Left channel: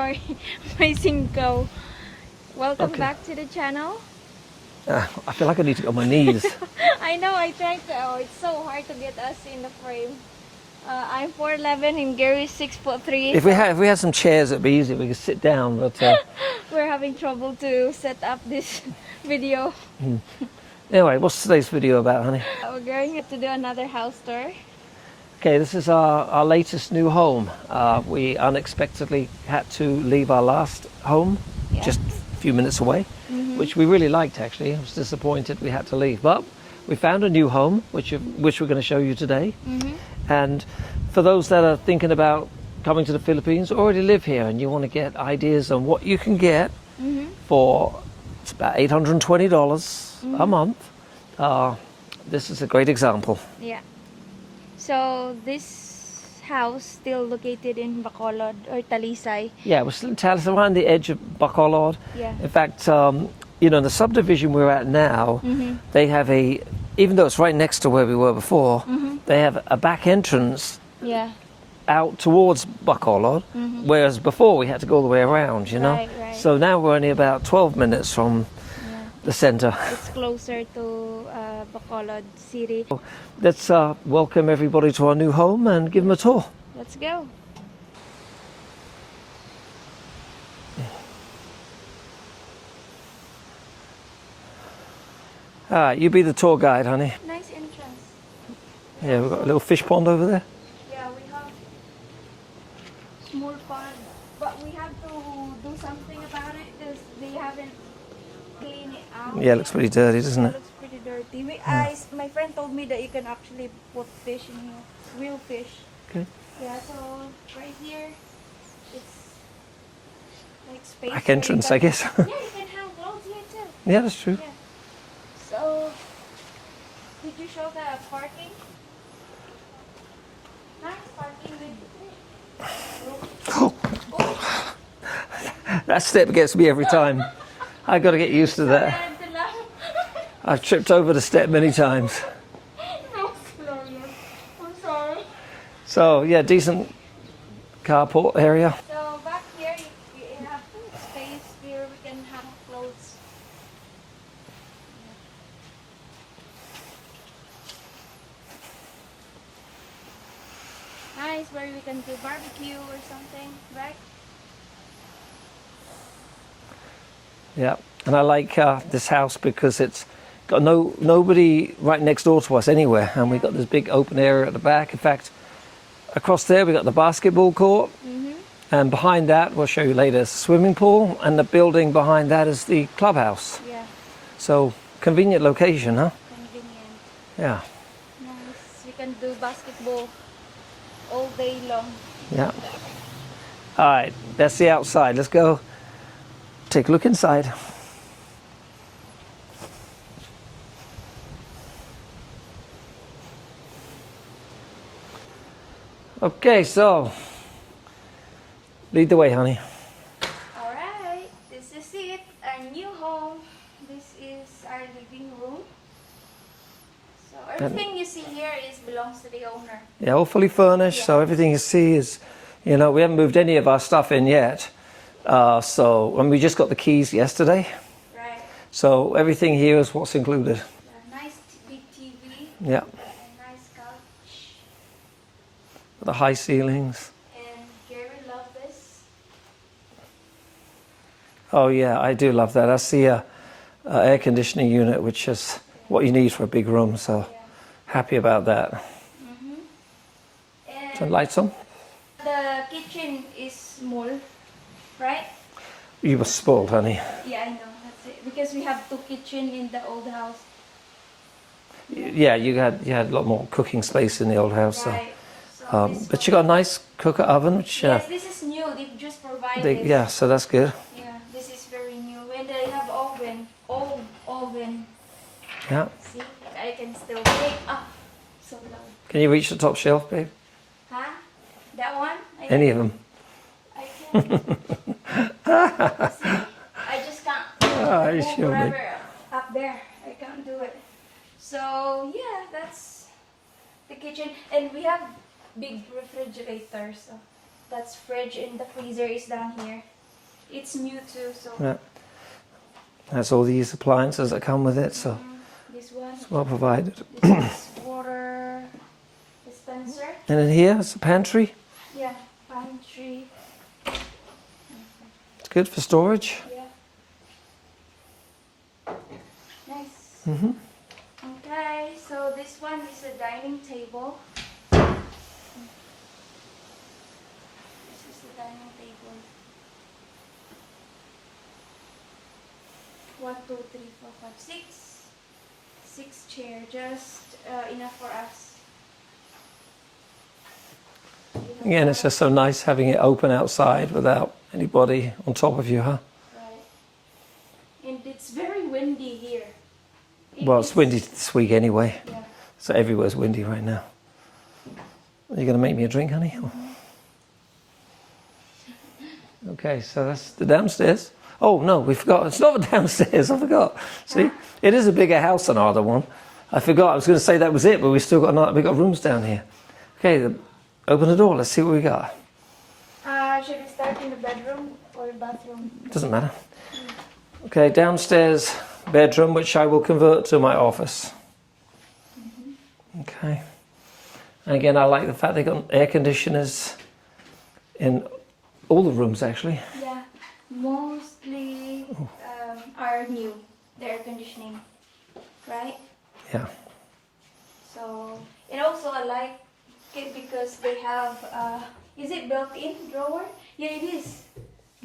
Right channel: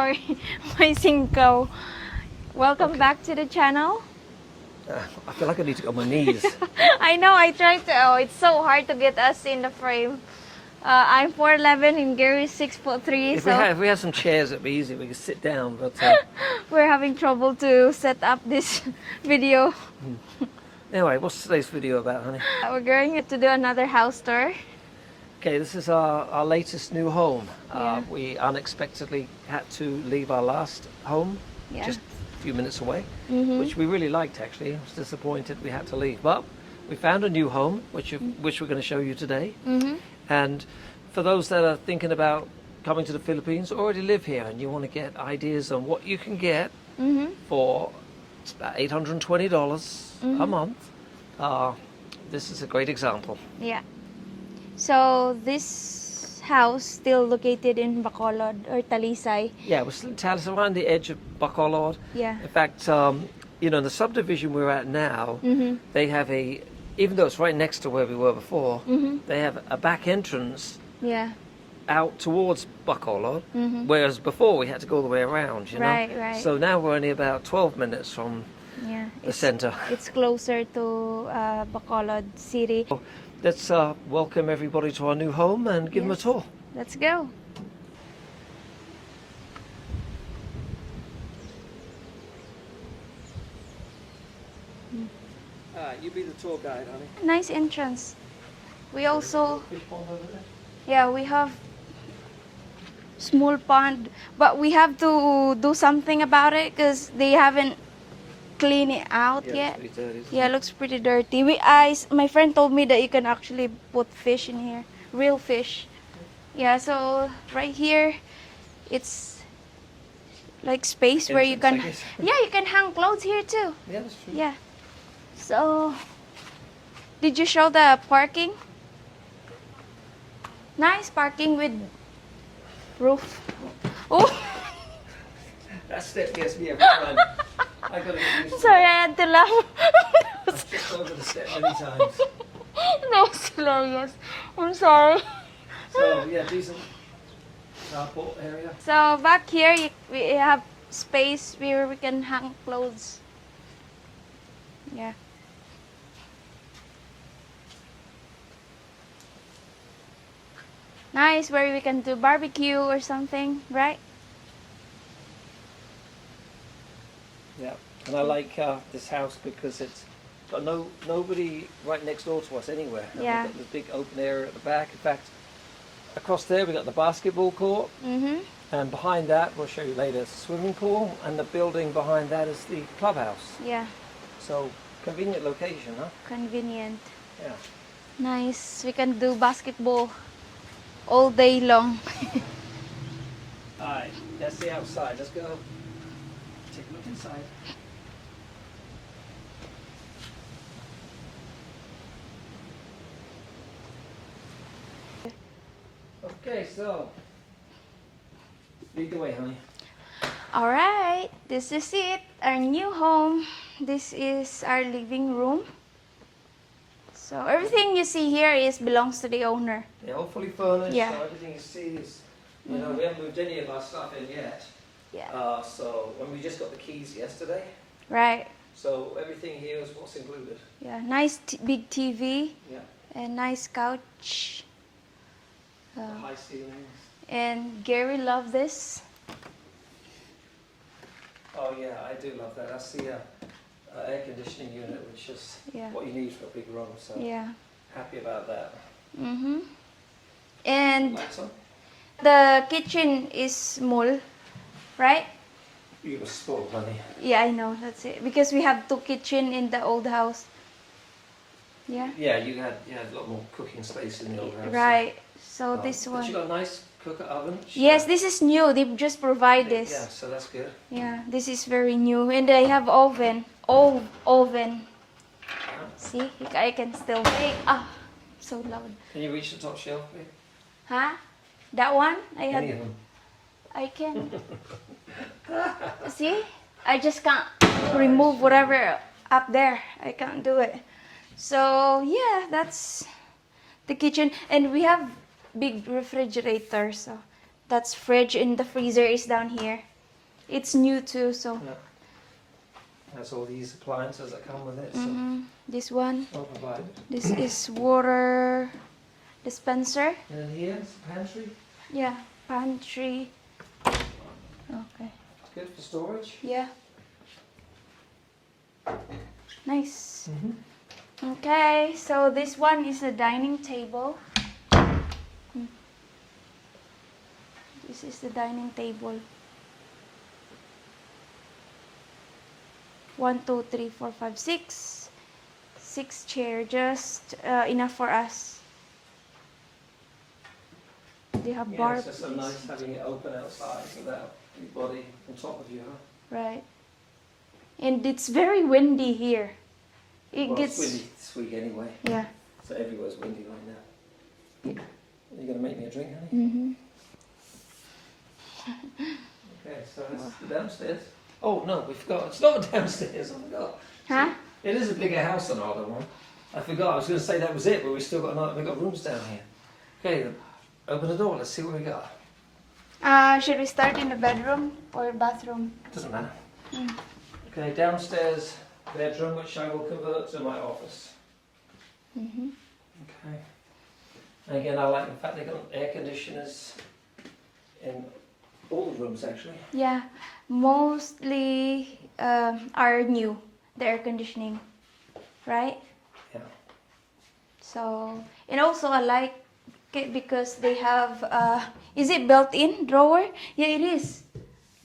Sorry, my cinco. Welcome back to the channel. I feel like I need to go on my knees. I know, I tried to. Oh, it's so hard to get us in the frame. I'm 4'11" and Gary's 6'3". If we had some chairs, it'd be easy. We could sit down, but we're having trouble to set up this video. Anyway, what's today's video about, honey? We're going to do another house tour. Okay, this is our latest new home. We unexpectedly had to leave our last home just a few minutes away, which we really liked, actually. I was disappointed we had to leave, but we found a new home, which we're going to show you today. And for those that are thinking about coming to the Philippines, already live here, and you want to get ideas on what you can get for it's about $820 a month, this is a great example. Yeah. So this house still located in Bacolod or Talisay. Yeah, we're still in Talisay, around the edge of Bacolod. Yeah. In fact, in the subdivision we're at now, they have even though it's right next to where we were before, they have a back entrance out towards Bacolod, whereas before we had to go all the way around, you know? Right. So now we're only about 12 minutes from the center. It's closer to Bacolod City. Let's welcome everybody to our new home and give them a tour. Let's go. All right, you be the tour guide, honey. Nice entrance. We've got a little fish pond over there. Yeah, we have small pond, but we have to do something about it because they haven't cleaned it out Yeah, it yet. looks pretty dirty, doesn't it? Yeah, it looks pretty dirty. My friend told me that you can actually put fish in here, real fish. Okay. Yeah, so right here, it's like space Back where entrance, you can. I guess. Yeah, you can hang clothes here too. Yeah, that's true. Yeah. So, did you show the parking? Nice parking with roof. Oh. That step gets me every time. I got to get used to Sorry, I that. had to laugh. I've tripped over the step many times. That was hilarious. I'm sorry. So yeah, decent carport area. So back here, we have space where we can hang clothes. Yeah. Nice, where we can do barbecue or something, right? Yeah, and I like this house because it's got nobody right next door to us anywhere, and we've got this big open area at the back. In fact, across there we've got the basketball court, and behind that, we'll show you later, is the swimming pool, and the building behind that is the clubhouse. Yeah. So convenient location, huh? Convenient. Yeah. Nice. We can do basketball all day long. Yeah. All right, that's the outside. Let's go take a look inside. Okay, so lead the way, honey. All right, this is it, our new home. This is our living room. So everything you see here belongs to the owner. Yeah, all fully furnished, so everything you see is, we haven't moved any of our stuff in yet. And we just got the keys yesterday. Right. So everything here is what's included. Yeah, nice big TV. Yeah. And nice couch. The high ceilings. And Gary loved this. Oh yeah, I do love that. That's the air conditioning unit, which is what you need for a big room. So happy about that. And Some lights on. the kitchen is small, right? You were spoiled, honey. Yeah, I know. That's it. Because we have 2 kitchens in the old house. Yeah, you had a lot more cooking space in the old house. Right. So this one. But you got a nice cooker oven. Which, yes, this is new. They just provide this. Yeah, so that's good. Yeah, this is very new. And I have oven. Old oven. Yeah. See, I can still take. Ah, so loud. Can you reach the top shelf, babe? Huh? That one? Any of them? I can. See? I just can't remove whatever up there. I can't do it. So, yeah, that's the kitchen. And we have big refrigerator. So, that's fridge and the freezer is down here. It's new too, so. Yeah. That's all these appliances that come with it, so This one. it's well provided. This is water dispenser. And in here, it's a pantry. Yeah, pantry. Okay. It's good for storage. Yeah. Nice. Okay, so this one is a dining table. This is the dining table. 1, 2, 3, 4, 5, 6. 6 chairs, just enough for us. You have Again, it's bar- just so nice having it open outside without anybody on top of you, huh? Right. And it's very windy here. Well, it's windy this week anyway. Yeah. So everywhere's windy right now. Are you going to make me a drink, honey? Okay, so that's the downstairs. Oh, no, we forgot. It's not the downstairs. I forgot. See, Huh? it is a bigger house than our other one. I forgot. I was going to say that was it, but we've still got we've got rooms down here. Okay, open the door. Let's see what we got. Should we start in the bedroom or bathroom? Doesn't matter. Okay, downstairs bedroom, which I will convert to my office. Okay. And again, I like the fact they got air conditioners in all the rooms, actually. Yeah, mostly are new, the air conditioning, right? Yeah. So, and also I like it because they have, is it built-in drawer? Yeah, it is.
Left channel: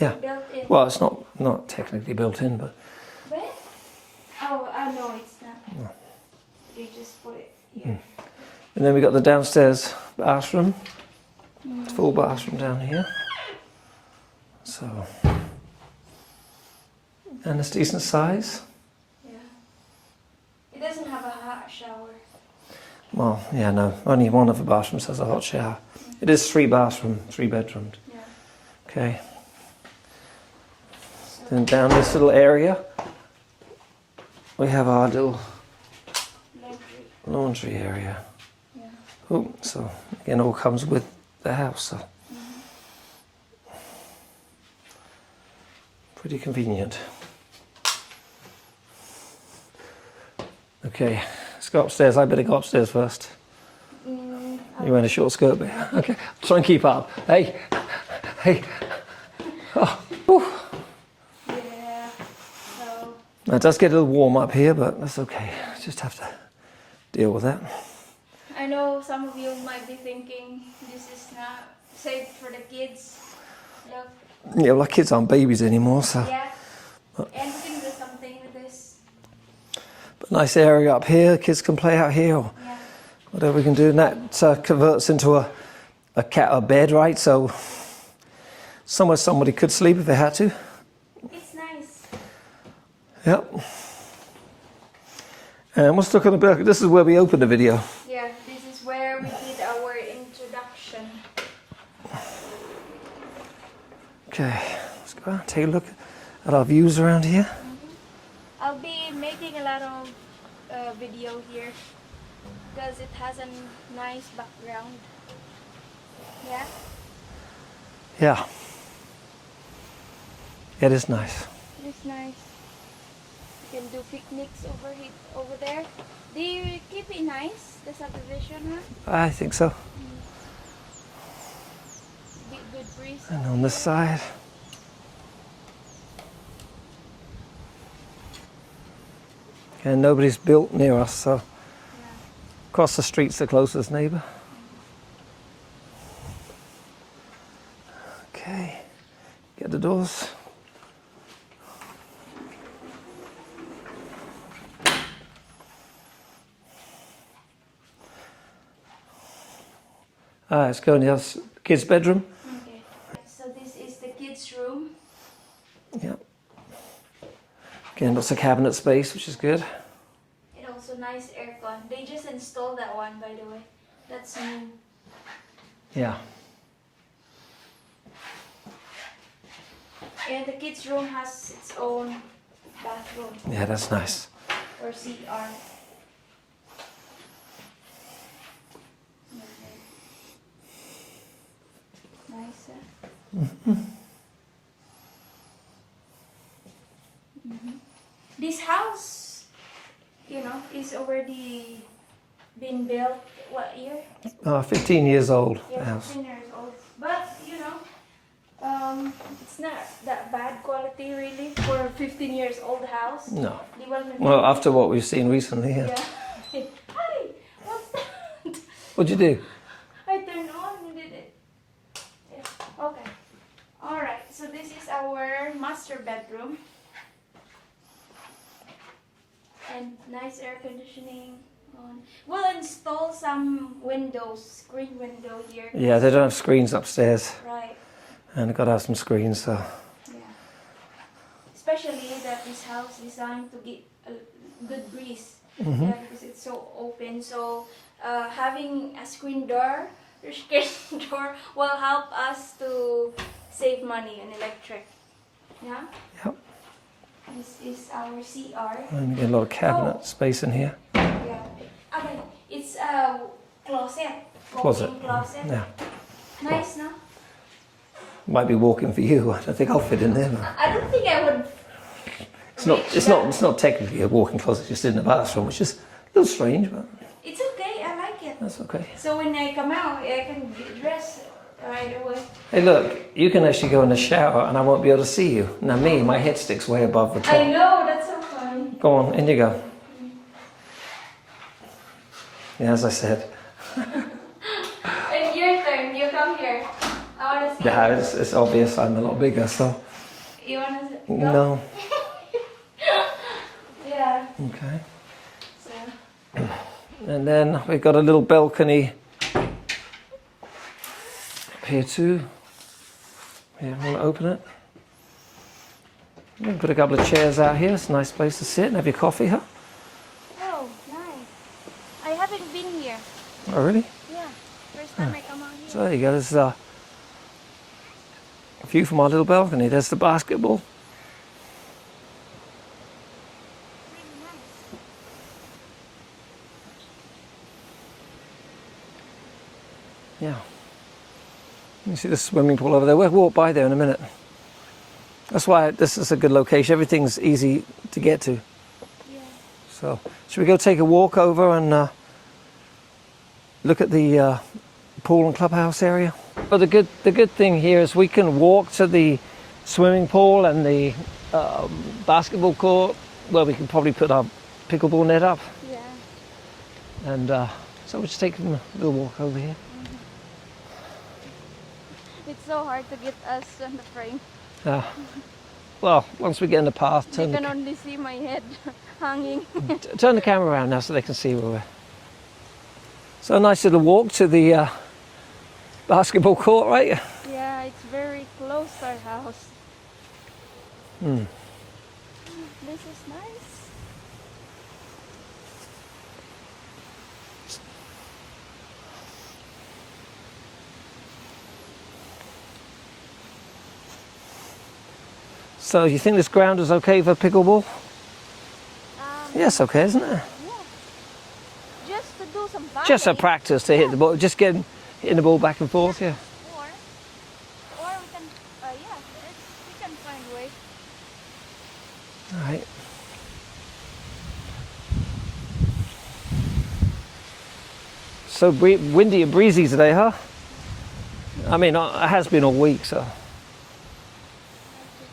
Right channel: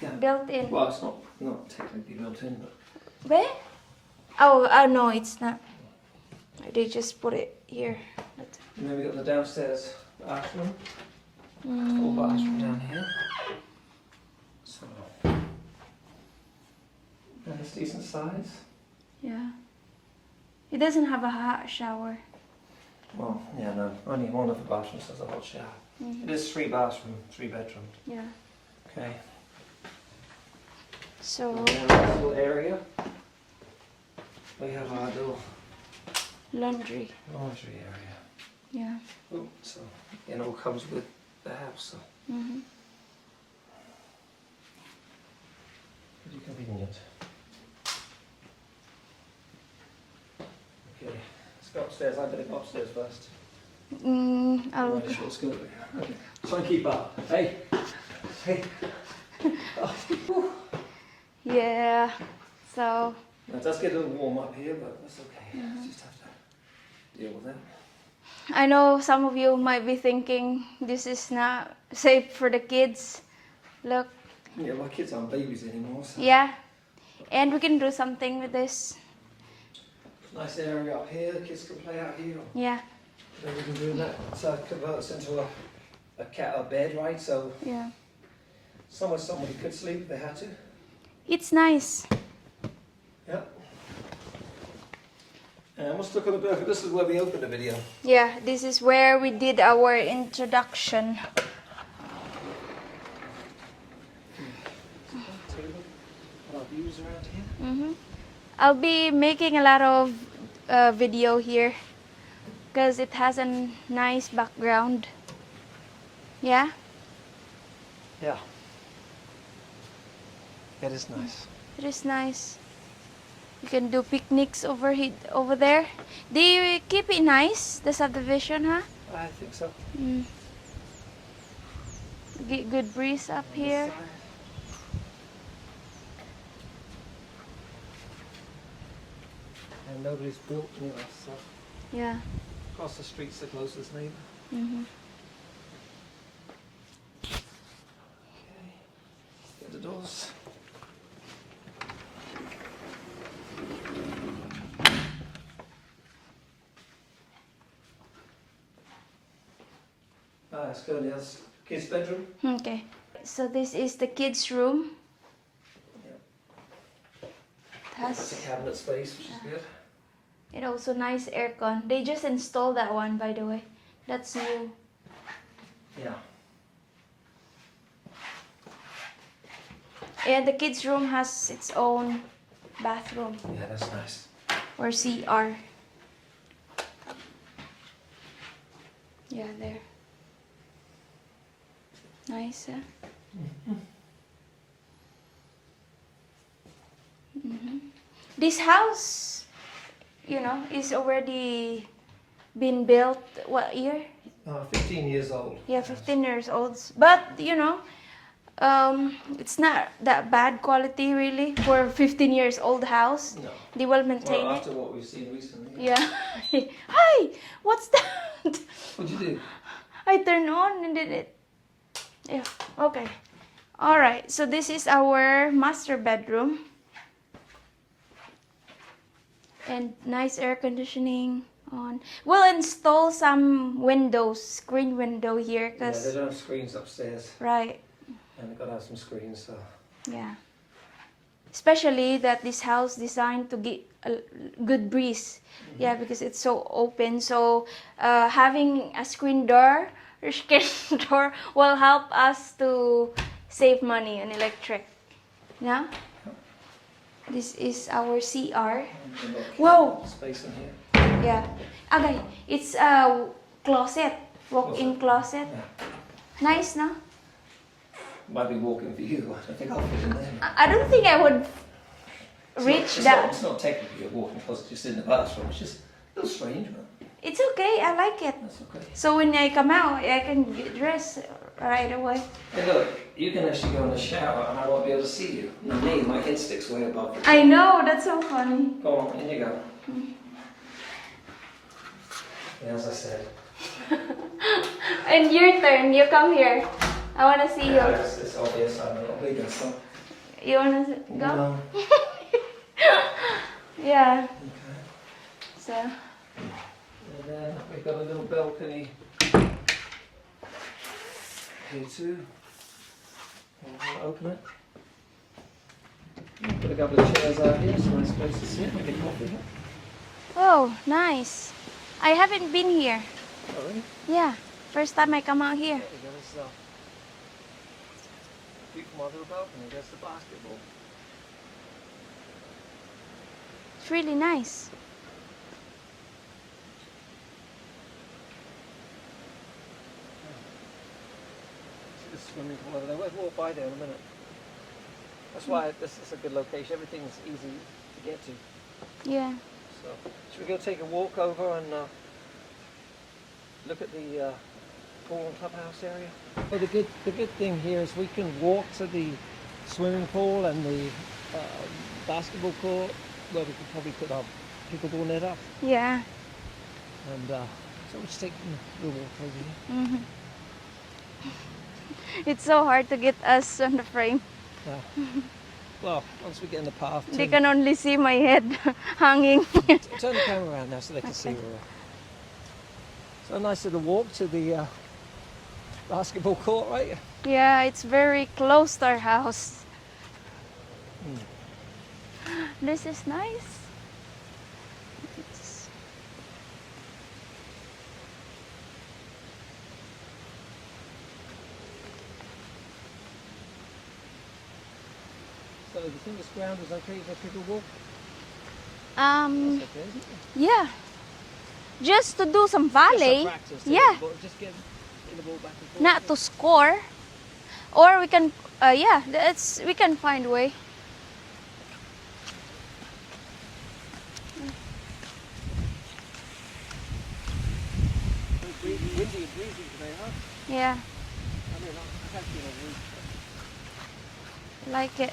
Yeah. Built-in. Well, it's not technically built in, but Where? Oh, no, it's not. They just put it here. and then we got the downstairs bathroom. Full bathroom down here. So, and it's decent size. Yeah. It doesn't have a hot shower. Well, yeah, no, only one of the bathrooms has a hot shower. It is 3 bathroom, 3 bedroomed. Yeah. Okay. So, And down this little area, we have our little laundry. laundry area. Yeah. Oh, so again, all comes with the house. So. Pretty convenient. Okay, let's go upstairs. I better go upstairs first. You're wearing a short skirt, but okay. Try and keep up. Hey, hey. Oh, whew. Yeah. So, It does get a little warm up here, but that's okay. Just have to deal with that. I know some of you might be thinking this is not safe for the kids. Look. Yeah, well, our kids aren't babies anymore, so. Yeah. And we can do something with this. But nice area up here. Kids can play out here, or Yeah. whatever we can do. And that converts into a bed, right? So Yeah. somewhere somebody could sleep if they had to. It's nice. Yep. And let's look at the back. This is where we opened the video. Yeah, this is where we did our introduction. Okay, let's go take a look at our views around here. I'll be making a lot of video here because it has a nice background. Yeah? Yeah. It is nice. It is nice. You can do picnics over there. Do you keep it nice, the subdivision, huh? I think so. Get good breeze up And on here. this side. And nobody's built near us, so Yeah. across the street's the closest neighbour. Okay, get the doors. Let's go in the other kids' bedroom. Okay. So this is the kids' room. Yeah. Again, lots of cabinet space, which is good. It also nice aircon. They just installed that one, by the way. That's new. Yeah. And the kids' room has its own bathroom Yeah, that's nice. or CR. Yeah, there. Nice, huh? This house, is already been built. What year? 15 years old. Yeah, the house. 15 years old. But it's not that bad quality really for 15 years old house. No. They well maintained. Well, after what we've seen recently. Yeah. Hi, what's that? What'd you do? I turned on and did it. Yeah. Okay. All right. So this is our master bedroom. And nice air conditioning on. We'll install some windows, screen window here. Yeah, they don't have screens upstairs. Right. And I've got to have some screens, so. Yeah. Especially that this house designed to get a good breeze. Mm-hmm. Yeah, because it's so open. So having a screen door or screen door will help us to save money on electric. Yeah? Yep. This is our CR. And a lot of cabinet space in here. Yeah. Okay, it's a closet. Walk-in closet. Yeah. Nice, no? Might be walking for you. I don't think I'll fit in there. I don't think I would reach that. It's not technically a walk-in closet, just in the bathroom, which is a little strange, but It's okay, I like it. that's okay. So when I come out, I can get dressed right away. Hey, look, you can actually go in the shower and I won't be able to see you. Now me, my head sticks way above the top. I know, that's so funny. Go on, in you go. Yeah, as I said. And your turn, you come here. I want to see Yeah, you. it's obvious I'm a lot bigger, so. You want to go? No. Yeah, Okay. so. And then we've got a little balcony here too. Yeah, want to open it? We'll put a couple of chairs out here. It's a nice place to sit and have your coffee, huh? Oh, nice. I haven't been here. Oh, really? Yeah, first time I come out here. So there you go. There's a view from our little balcony. There's the basketball. It's really nice. Yeah. You see the swimming pool over there. We'll walk by there in a minute. That's why this is a good location. Everything's easy to get to. Yeah. So, should we go take a walk over and look at the pool and clubhouse area? But the good thing here is we can walk to the swimming pool and the basketball court, where we can probably put our pickleball net up. Yeah. And so we'll just take a little walk over here. Mm-hmm. It's so hard to get us on the frame. Yeah. Well, once we get in the path, They can only see my head hanging. turn the camera around now so they can see where we're. So a nice little walk to the basketball court, right? Yeah, it's very close to our house. Hmm. This is nice. So you think this ground is okay for pickleball? Yes, okay, isn't it? Yeah. Just to do some volley. Just a practice to hit the ball, just hitting the ball back and forth. Not to score. Or we can, we can find a way. All right. So windy and breezy today, huh? Yeah, I mean, it has been all week, so. like it.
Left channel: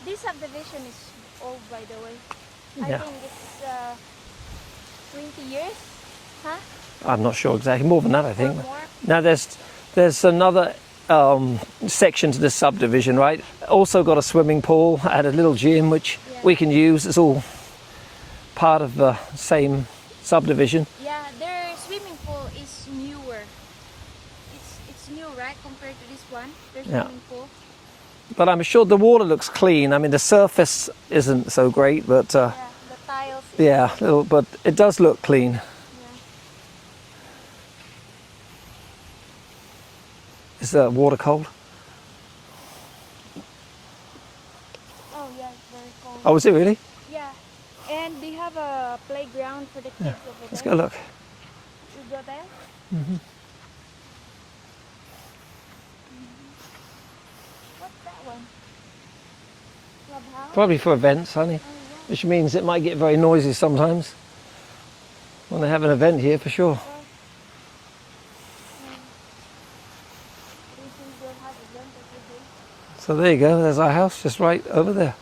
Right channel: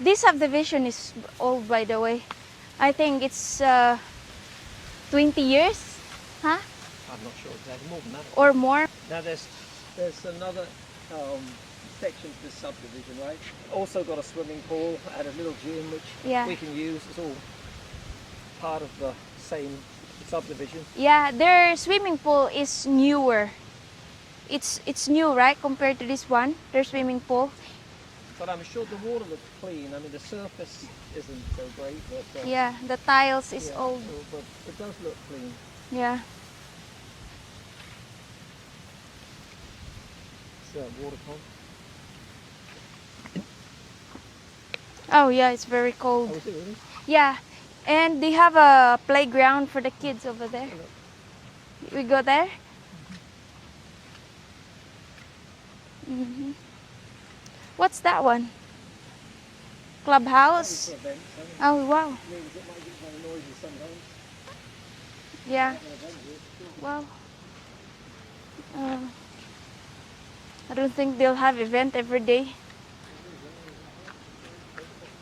This subdivision is old, by the way. I Yeah. think it's 20 years, huh? I'm not sure exactly, more than that, I think. Or more. Now there's another section to this subdivision, right? Also got a swimming pool and a little gym which Yeah. we can use. It's all part of the same subdivision. Yeah, their swimming pool is newer. It's new, right, compared to this one, their swimming pool. But I'm sure the water looks clean. I mean, the surface isn't so great, but Yeah, the tiles is yeah, cool. but it does look clean. Yeah. Is the water cold? Oh yeah, it's very cold. Oh, is it really? Yeah, and they have a playground for the kids over Let's there. go look. We go there? What's that one? clubhouse? Probably for events, honey. Oh, wow. Which means it might get very noisy sometimes. When they have an event here, for sure. Well, I don't think they'll have event every day. So there you go. There's our house, just right over there.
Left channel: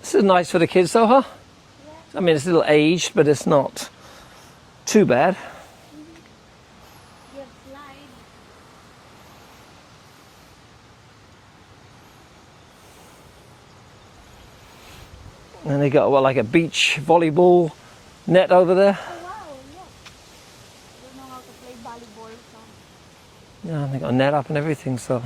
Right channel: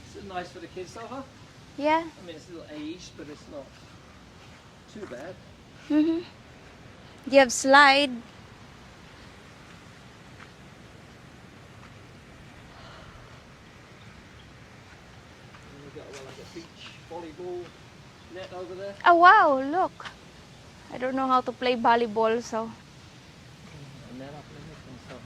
This is nice for the kids, though, huh? Yeah. I mean, it's a little aged, but it's not too bad. You have slide. And they got, what, like a beach volleyball net over there? Oh, wow, look. I don't know how to play volleyball, so. Yeah, they got a net up and everything, so.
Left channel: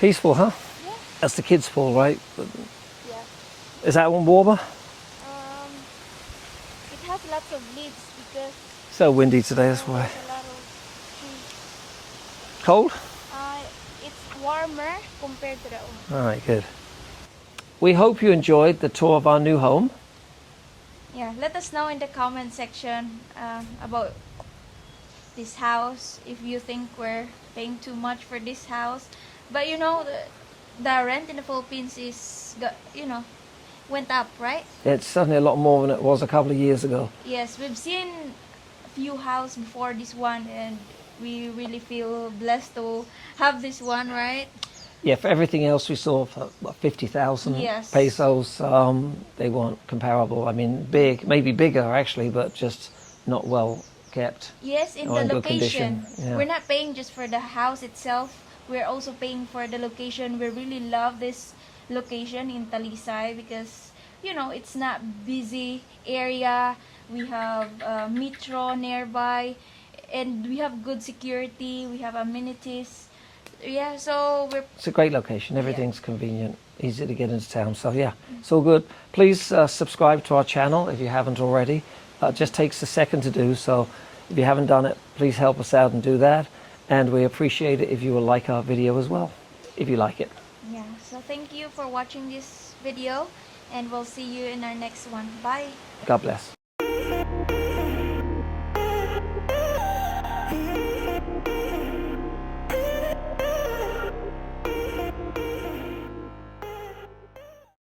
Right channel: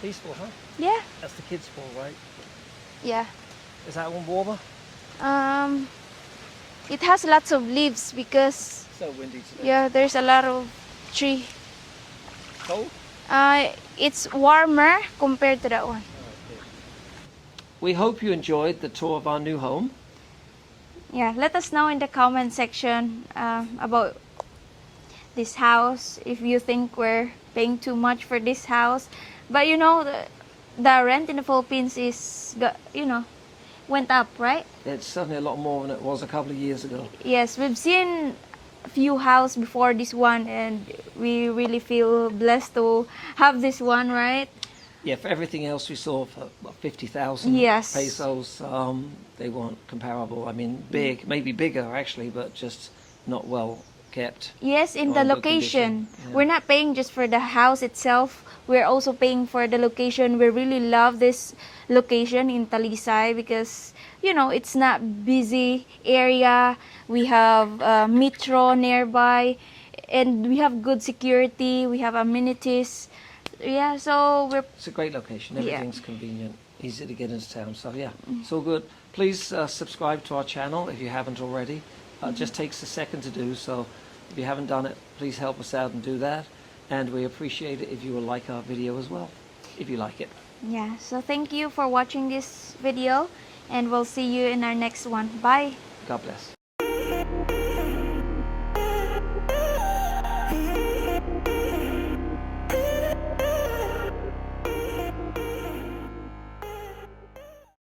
Peaceful, huh? Yeah. That's the kids' pool, right? Yeah. Is that one warmer? It has lots of leaves because So windy today as well. there's a lot of tree. Cold? It's warmer compared to that one. All right, good. We hope you enjoyed the tour of our new home. Yeah, let us know in the comment section about this house, if you think we're paying too much for this house. But you know, the rent in the Philippines is, went up, right? It's certainly a lot more than it was a couple of years ago. Yes, we've seen a few houses before this one, and we really feel blessed to have this one, right? Yeah, for everything else we saw for what, 50,000 Yes. pesos. They weren't comparable. I mean, big, maybe bigger actually, but just not well kept. Yes, in Or the in good location. condition, yeah. We're not paying just for the house itself. We're also paying for the location. We really love this location in Talisay because, it's not busy area. We have metro nearby, and we have good security. We have amenities. Yeah, so It's a great location. Everything's convenient, easy to get into town. So yeah, it's all good. Please subscribe to our channel if you haven't already. It just takes a second to do. So if you haven't done it, please help us out and do that. And we appreciate it if you will like our video as well, if you like it. Yeah, so thank you for watching this video, and we'll see you in our next one. Bye. God bless.